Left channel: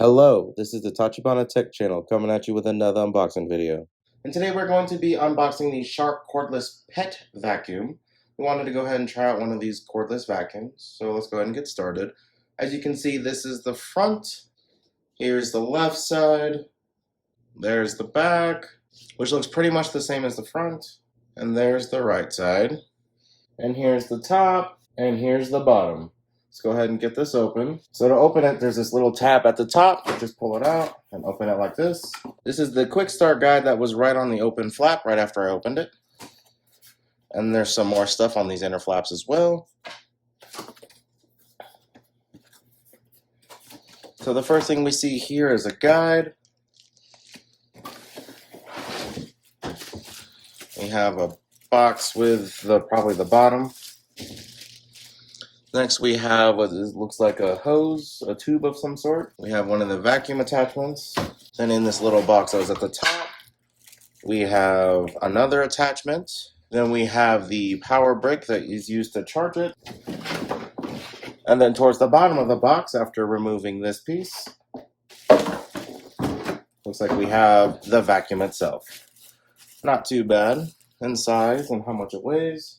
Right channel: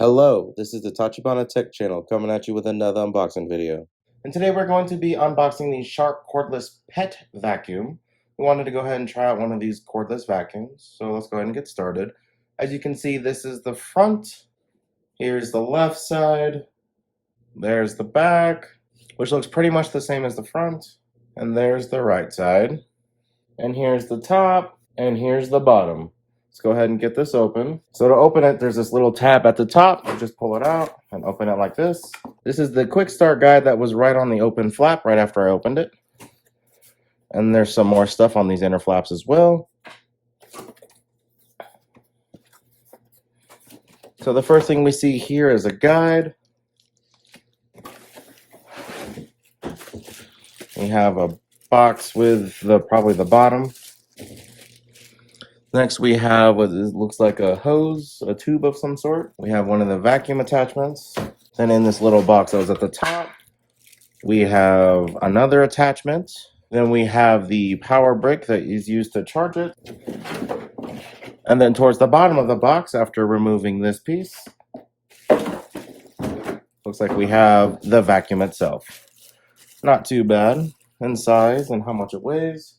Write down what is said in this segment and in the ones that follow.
Hello, this is the Tachibana Tech channel coming at you with another unboxing video. And today we're going to be unboxing the Shark Cordless Pet Vacuum. We wanted to go ahead and try out one of these cordless vacuums, so let's go ahead and get started. As you can see, this is the front, here's the left side, there's the back, which looks pretty much the same as the front, and there's the right side. And here's the top, and here's the bottom. Let's go ahead and get this open. So to open it, there's this little tab at the top. Just pull it out and open it like this. This is the quick start guide that was right on the open flap right after I opened it. And there's some more stuff on these inner flaps as well. So the first thing we see here is a guide. We have a box with probably the bottom. Next we have what looks like a hose, a tube of some sort. We have one of the vacuum attachments. And in this little box that was at the top, we have another attachment. Then we have the power brick that is used to charge it. And then towards the bottom of the box, after removing this piece, looks like we have the vacuum itself. Not too bad in size and how much it weighs.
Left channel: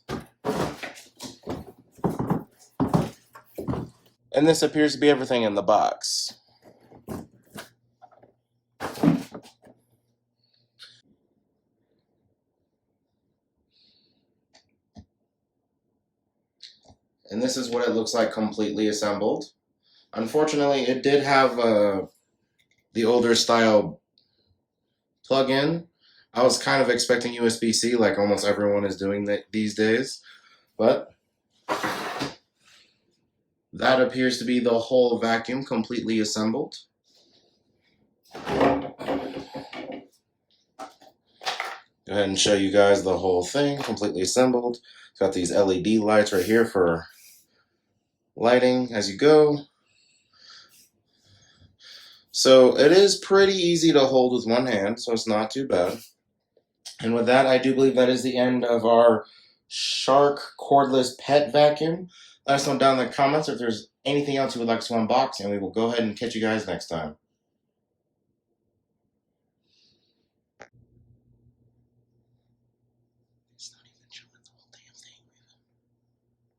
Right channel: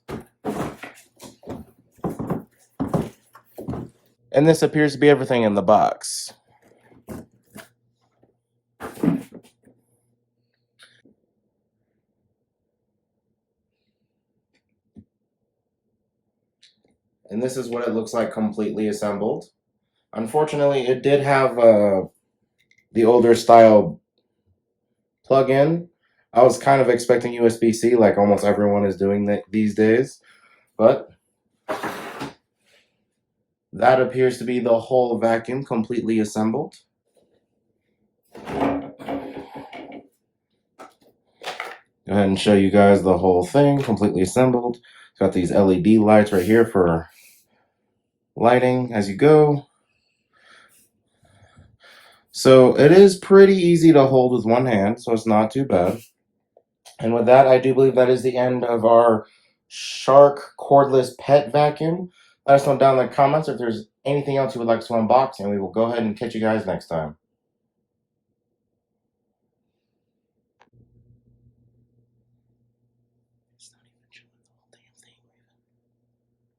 And this appears to be everything in the box. And this is what it looks like completely assembled. Unfortunately, it did have the older style plug-in. I was kind of expecting USB-C like almost everyone is doing these days, but that appears to be the whole vacuum completely assembled. Go ahead and show you guys the whole thing completely assembled. It's got these LED lights right here for lighting as you go. So it is pretty easy to hold with one hand, so it's not too bad. And with that, I do believe that is the end of our Shark Cordless Pet Vacuum. Let us know down in the comments if there's anything else you would like to unbox, and we will go ahead and catch you guys next time.